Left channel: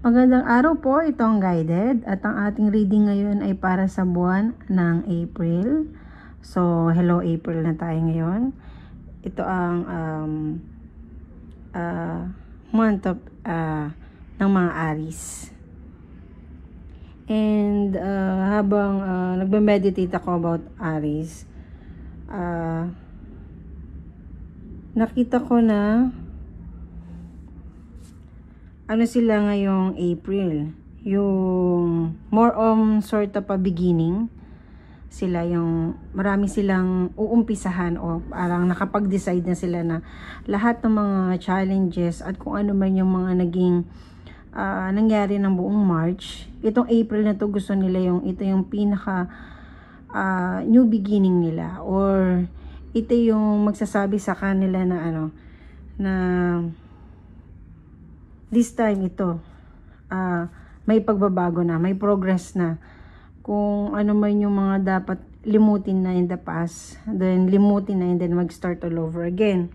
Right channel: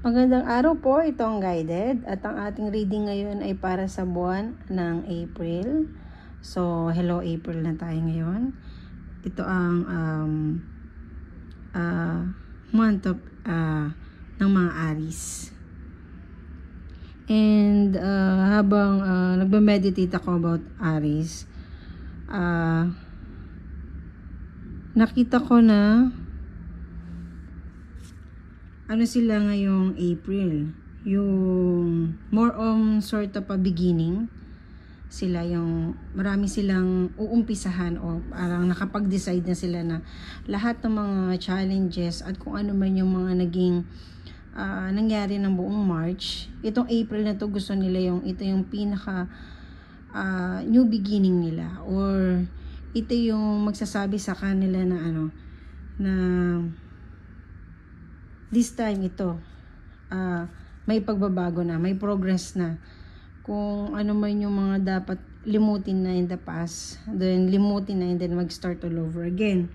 Magandang araw po, ito ang guided at ang ating reading ngayon ay para sa buwan ng April. So, hello April na tayo ngayon. Ito ang month of ng mga Aries. And habang nagme-meditate ako about Aries, nakita ko na ano sila ngayong April, yung more on sort of a beginning sila, yung marami silang uumpisahan o parang nakapag-decide na sila na lahat ng mga challenges at kung ano man yung mga naging nangyari ng buong March, itong April na to gusto nila ito yung pinaka new beginning nila, or ito yung magsasabi sa kanila na na this time ito may pagbabago na, may progress na. Kung ano man yung mga dapat limutin na in the past, then limutin na and then mag-start all over again.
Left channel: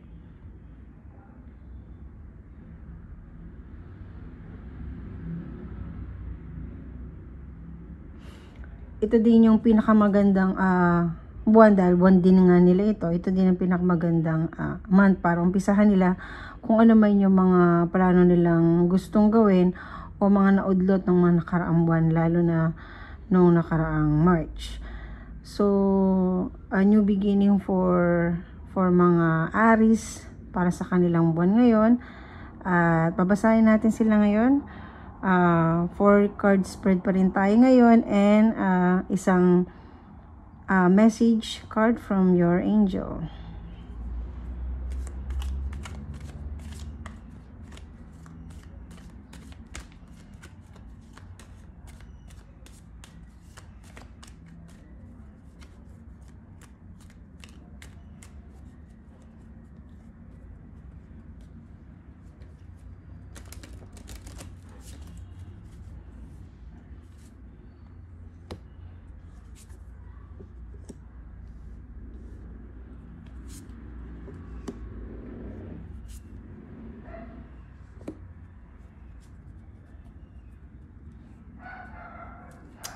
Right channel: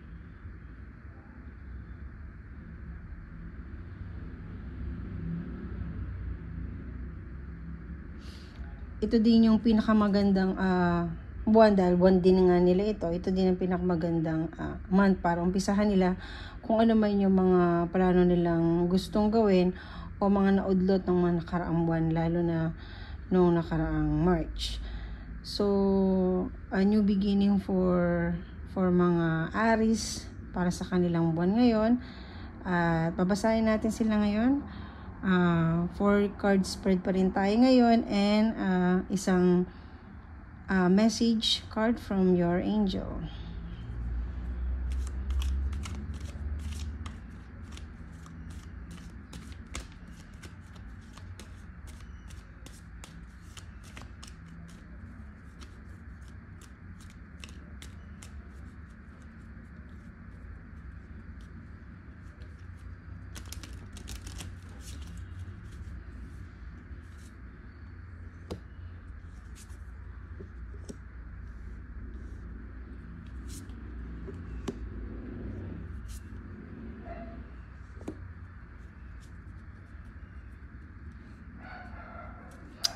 Ito din yung pinakamagandang buwan, dahil buwan din nga nila ito. Ito din ang pinakamagandang month para umpisahan nila kung ano man yung mga plano nilang gustong gawin o mga naudlot ng mga nakaraang buwan, lalo na nung nakaraang March. So, a new beginning for mga Aries para sa kanilang buwan ngayon. Babasahin natin sila ngayon. 4 card spread pa rin tayo ngayon, and isang message card from your angel.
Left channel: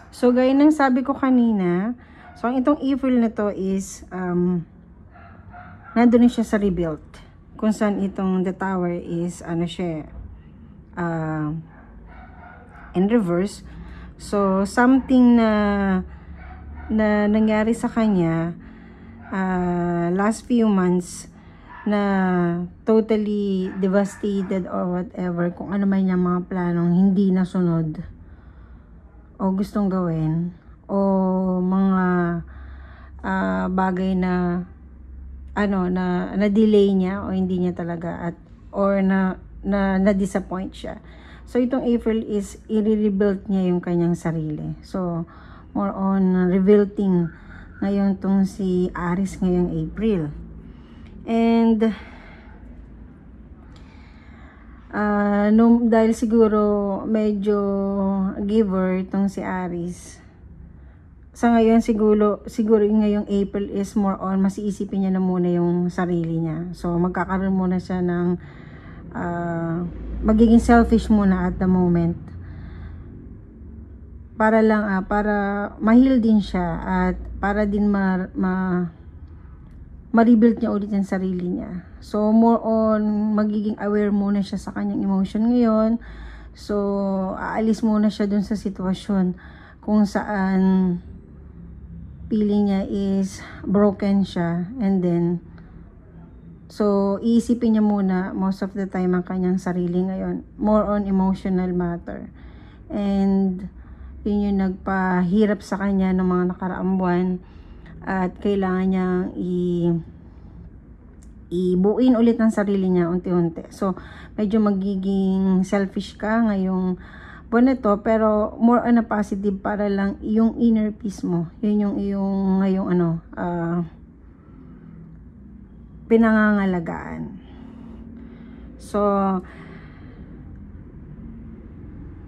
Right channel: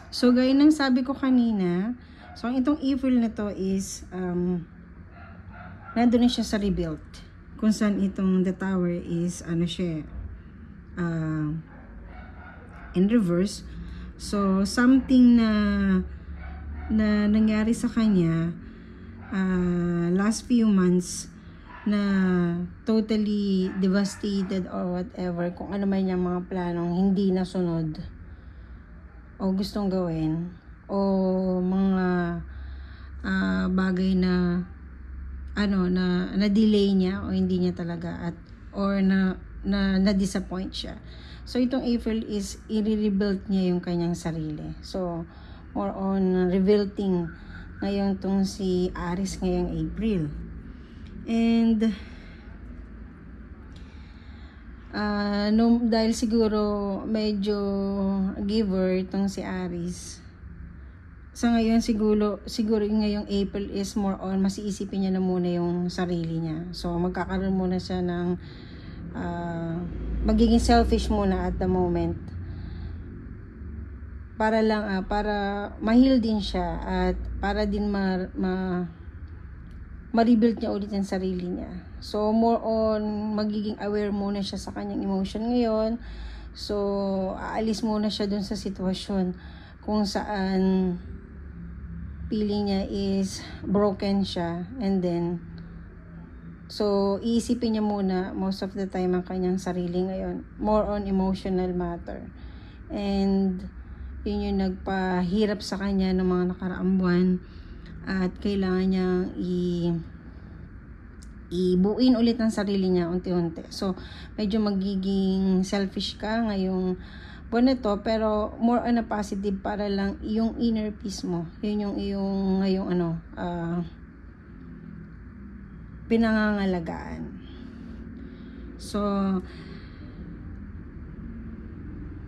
So, gaya ng sabi ko kanina, so itong April na to is nandun siya sa rebuild, kung saan itong the tower is in reverse. So, something na nangyari sa kanya last few months na totally devastated or whatever, kung ano man yung mga planong hindi nasunod o gustong gawin, o mga bagay na na-delay niya o hindi niya talaga or na-disappoint siya. So itong April is i-rebuild niya yung kanyang sarili. So more on rebuilding ngayon tong si Aries ngayong April. And dahil siguro medyo giver itong si Aries sa ngayon, siguro ngayong April is more on mas iisipin niya na muna yung sarili niya. So magkakaroon muna siya ng magiging selfish muna at the moment, para lang para ma-heal din siya at para din ma-rebuild niya ulit yung sarili niya. So, more on, magiging aware muna siya sa kanyang emotion ngayon. So, aalis muna siya dun sa sitwasyon kung saan feeling niya is broken siya. And then, so, iisipin niya muna most of the time ang kanyang sarili ngayon. More on emotional matter. And, yun yung nagpahirap sa kanya ng mga nakaraang buwan. At kailangan niyang ibuuin ulit ng sarili niya unti-unti. So, medyo magiging selfish ka ngayong buwan na to, pero more on a positive, para lang yung inner peace mo. Yun yung ngayong pinangangalagaan. So,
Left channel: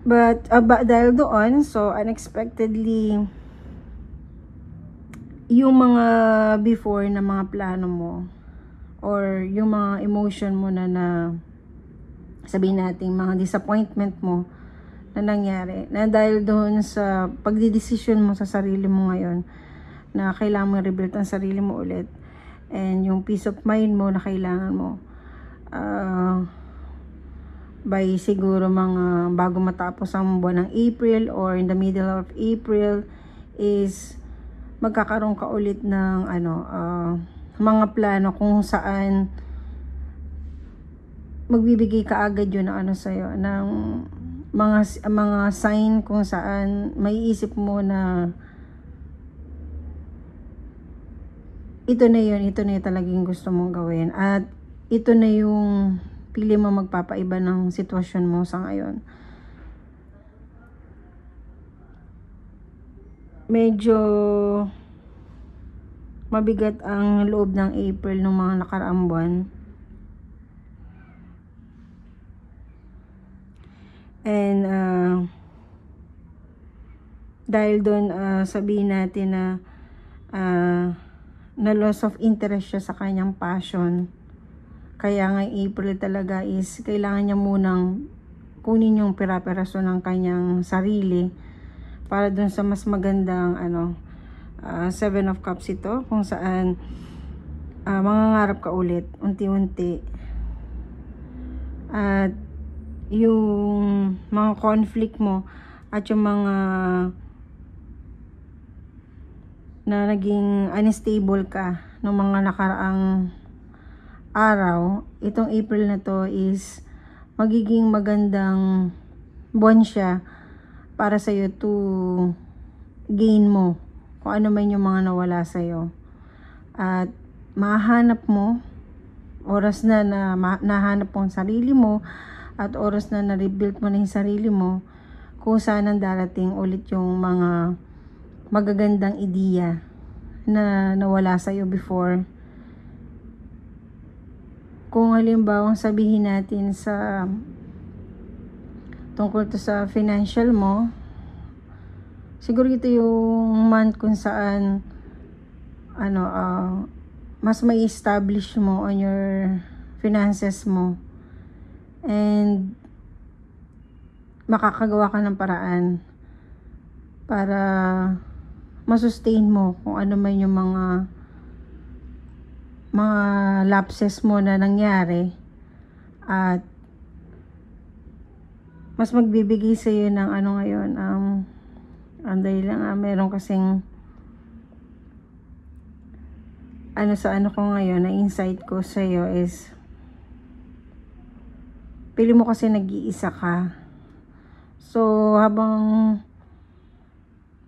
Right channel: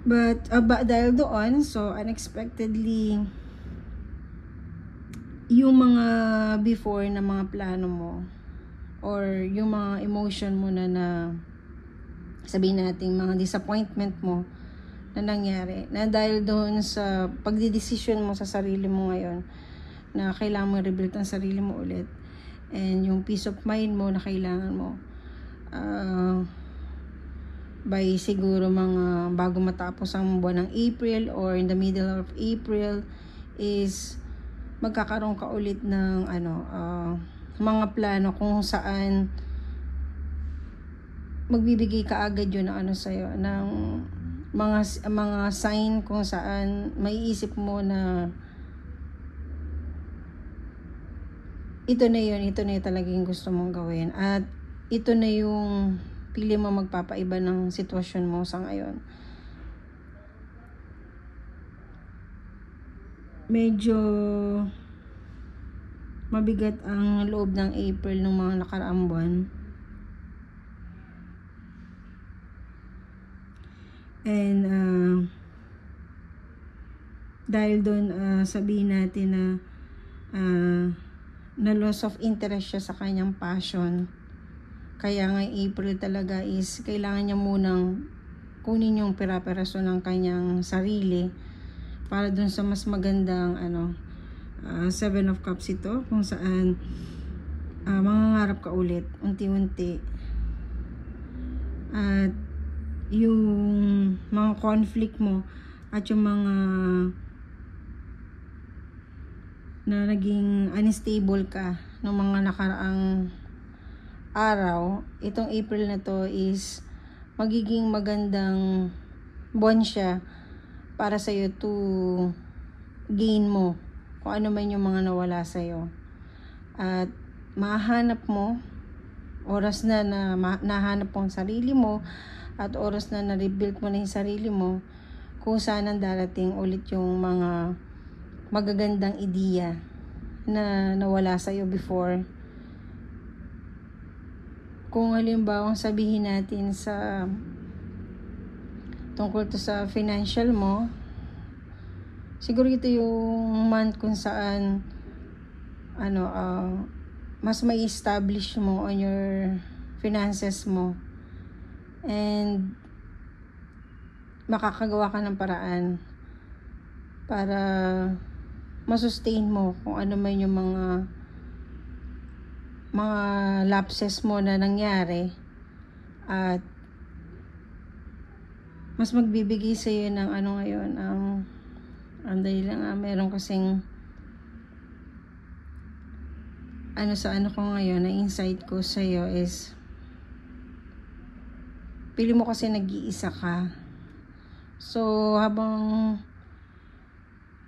but dahil doon, so unexpectedly, yung mga before na mga plano mo or yung mga emotion mo na sabihin natin mga disappointment mo na nangyari, na dahil doon sa pagdidesisyon mo sa sarili mo ngayon na kailangan mo rebuild ang sarili mo ulit, and yung peace of mind mo na kailangan mo by siguro mga bago matapos ang buwan ng April or in the middle of April is magkakaroon ka ulit ng mga plano kung saan magbibigay ka agad yun ng sa'yo, ng mga sign kung saan maiisip mo na ito na yun talagang gusto mong gawin, at ito na yung pili mo magpapaiba ng sitwasyon mo sa ngayon. Medyo mabigat ang loob ng April ng mga nakaraang buwan. And dahil doon sabihin natin na na loss of interest siya sa kanyang passion. Kaya nga April talaga is kailangan niya munang kunin yung pera-peraso ng kanyang sarili para dun sa mas magandang Seven of Cups ito, kung saan mangangarap ka ulit unti-unti, at yung mga conflict mo at yung mga na naging unstable ka ng mga nakaraang araw, itong April na to is magiging magandang buwan siya para sa'yo to gain mo kung ano man yung mga nawala sa'yo, at mahanap mo oras na nahanap mo ang sarili mo, at oras na na-rebuild mo na yung sarili mo, kung saan ang darating ulit yung mga magagandang ideya na nawala sa'yo before. Kung halimbawa sabihin natin sa tungkol to sa financial mo, siguro ito yung month kung saan mas may establish mo on your finances mo, and makakagawa ka ng paraan para masustain mo kung ano man yung mga lapses mo na nangyari, at mas magbibigay sa iyo ng ngayon anday lang meron kasing sa ko ngayon na insight ko sa iyo is pili mo kasi nag-iisa ka, so habang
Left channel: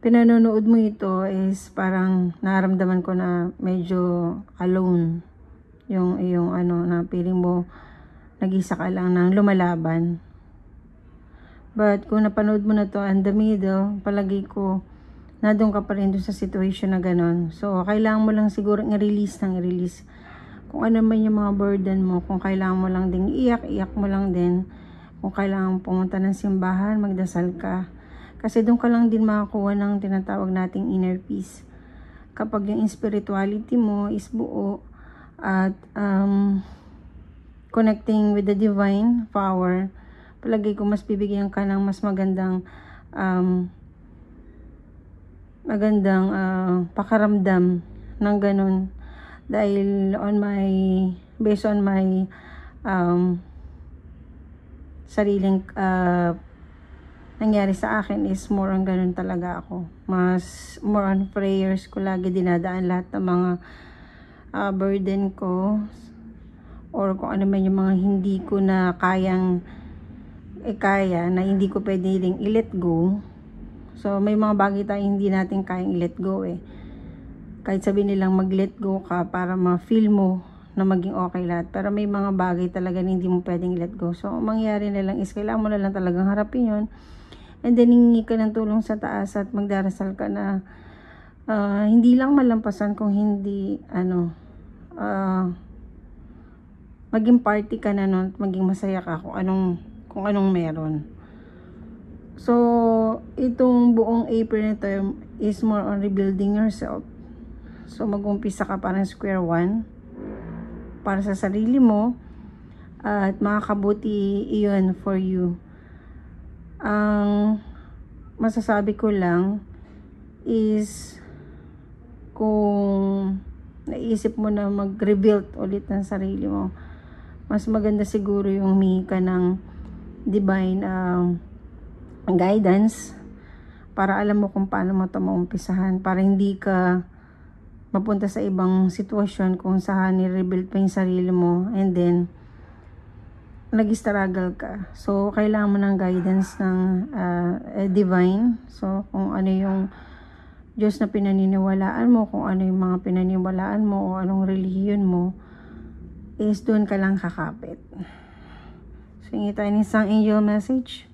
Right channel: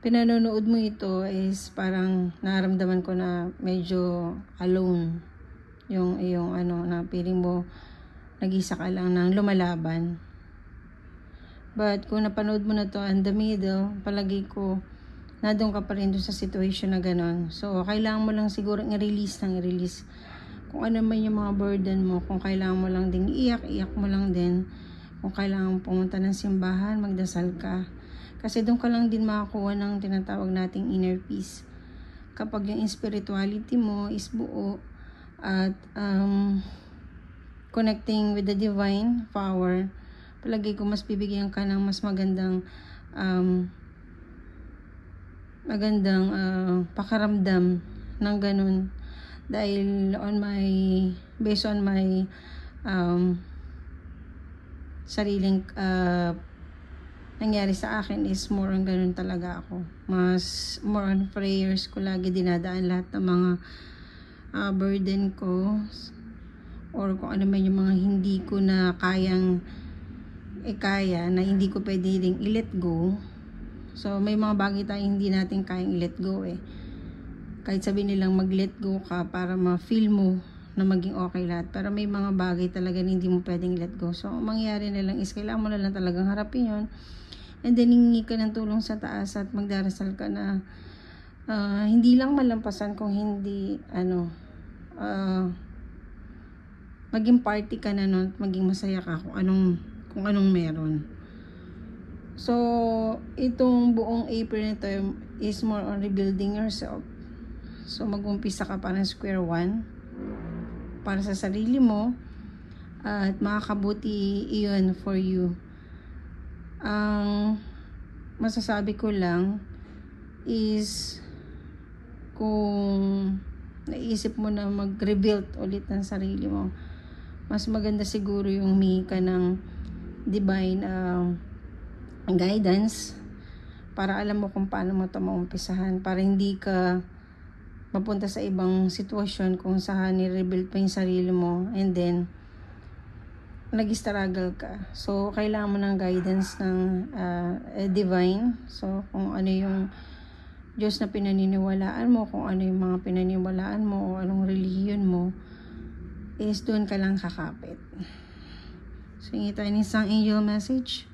pinanonood mo ito is parang naramdaman ko na medyo alone yung na feeling mo nag-isa ka lang nang lumalaban. But kung napanood mo na to in the middle, palagi ko na doon ka pa rin doon sa situation na ganon. So kailangan mo lang siguro i-release kung ano man yung mga burden mo. Kung kailangan mo lang ding iyak mo lang din. Kung kailangan pumunta ng simbahan, magdasal ka. Kasi doon ka lang din makakuha ng tinatawag nating inner peace. Kapag yung spirituality mo is buo at connecting with the divine power, palagi ko mas bibigyan ka ng mas magandang pakaramdam ng ganun. Dahil based on my sariling nangyari sa akin is more on ganun talaga ako. More on prayers ko lagi dinadaan lahat ng mga burden ko, or kung ano man yung mga hindi ko na kaya na hindi ko pwede ring i-let go. So may mga bagay tayo hindi natin kayang i-let go kahit sabihin nilang mag-let go ka para ma-feel mo na maging okay lahat, pero may mga bagay talaga na hindi mo pwedeng let go. So mangyari na lang is kailangan mo na lang talagang harapin yun. And then hingi ka ng tulong sa taas at magdarasal ka na hindi lang malampasan, kung hindi maging party ka na nun, maging masaya ka kung anong meron. So itong buong April na ito is more on rebuilding yourself. So mag-umpisa ka parang square one para sa sarili mo, at makakabuti iyon for you. Ang masasabi ko lang is kung naisip mo na mag-rebuild ulit ng sarili mo, mas maganda siguro yung humingi ka ng divine guidance para alam mo kung paano mo ito maumpisahan, para hindi ka mapunta sa ibang sitwasyon kung saan ni-rebuild pa yung sarili mo and then nag-struggle ka. So kailangan mo ng guidance ng divine. So kung ano yung Diyos na pinaniniwalaan mo, kung ano yung mga pinaniniwalaan mo o anong relihiyon mo, is doon ka lang kakapit. So hingi tayo ng isang angel message.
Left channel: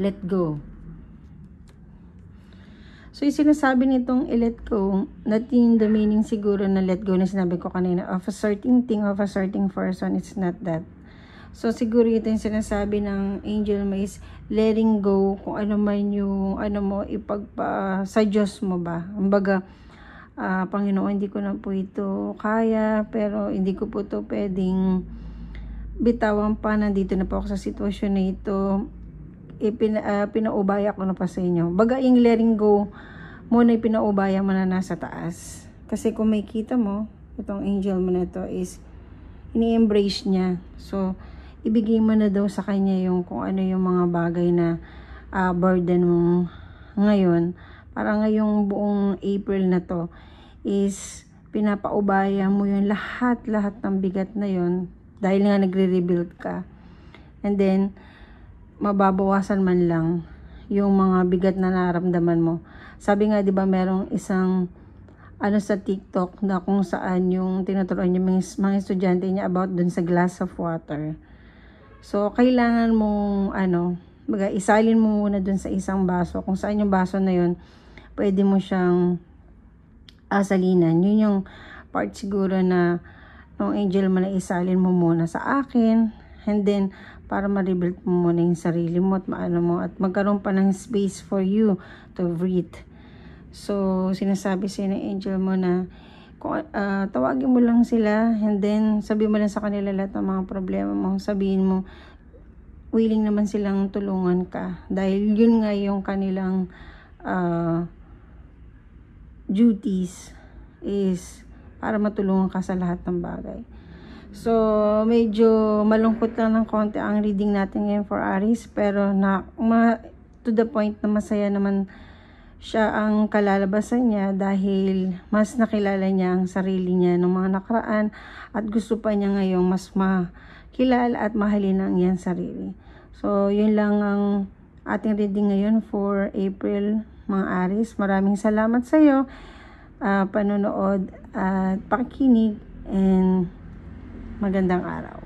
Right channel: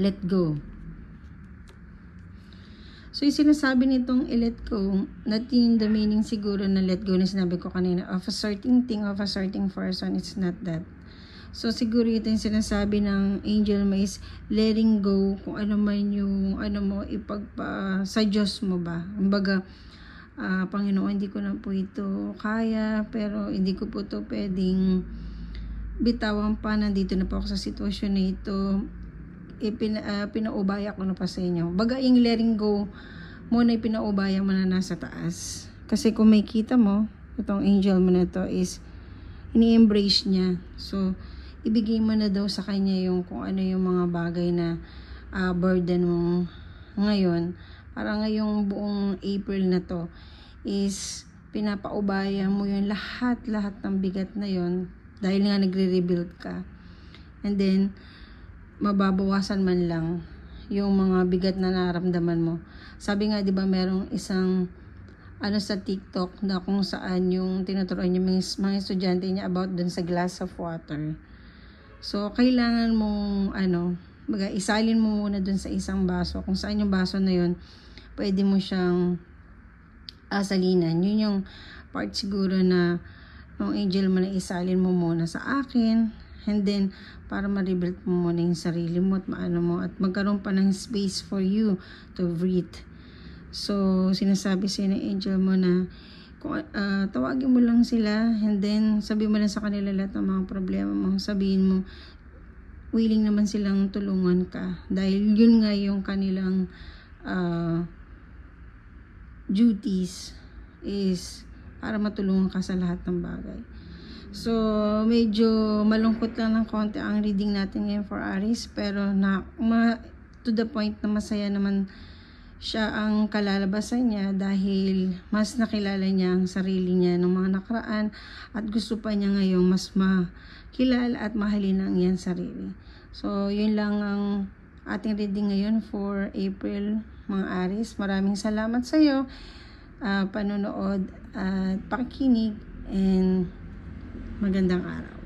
Let go. So, yung sinasabi nitong i-let go, not in the meaning siguro na let go na sinabi ko kanina, of a certain thing, of a certain person, it's not that. So, siguro ito yung sinasabi ng angel mo is letting go kung ano man yung, ano mo, sa Diyos mo ba. Kumbaga, Panginoon, hindi ko na po ito kaya, pero hindi ko po ito pwedeng bitawan pa, nandito na po ako sa sitwasyon na ito, pinaubaya ko na pa sa inyo. Baga yung letting go muna yung pinaubaya mo na nasa taas. Kasi kung may kita mo, itong angel mo na to is ini-embrace niya. So, ibigay mo na daw sa kanya yung kung ano yung mga bagay na burden mo ngayon. Para ngayong buong April na to is pinapaubaya mo yung lahat ng bigat na yun dahil nga nagre-rebuild ka. And then, mababawasan man lang yung mga bigat na nararamdaman mo. Sabi nga, di ba, merong isang sa TikTok na kung saan yung tinuturuan yung mga estudyante niya about dun sa glass of water. So, kailangan mong isalin mo muna dun sa isang baso. Kung saan yung baso na yun, pwede mo siyang salinan. Yun yung part siguro na nung angel mo na isalin mo muna sa akin. And then, para ma-rebuild mo muna yung sarili mo at at magkaroon pa ng space for you to breathe. So, sinasabi sa'yo ng angel mo na tawagin mo lang sila and then sabihin mo lang sa kanila lahat ng mga problema mo. Sabihin mo, willing naman silang tulungan ka. Dahil yun nga yung kanilang duties is para matulungan ka sa lahat ng bagay. So, medyo malungkot lang ng konti ang reading natin ngayon for Aries, pero to the point na masaya naman siya ang kalalabasan niya dahil mas nakilala niya ang sarili niya ng mga nakaraan at gusto pa niya ngayong mas makilala at mahalin ang iyang sarili. So, yun lang ang ating reading ngayon for April, mga Aries. Maraming salamat sa iyo, panonood at pakikinig, and magandang araw.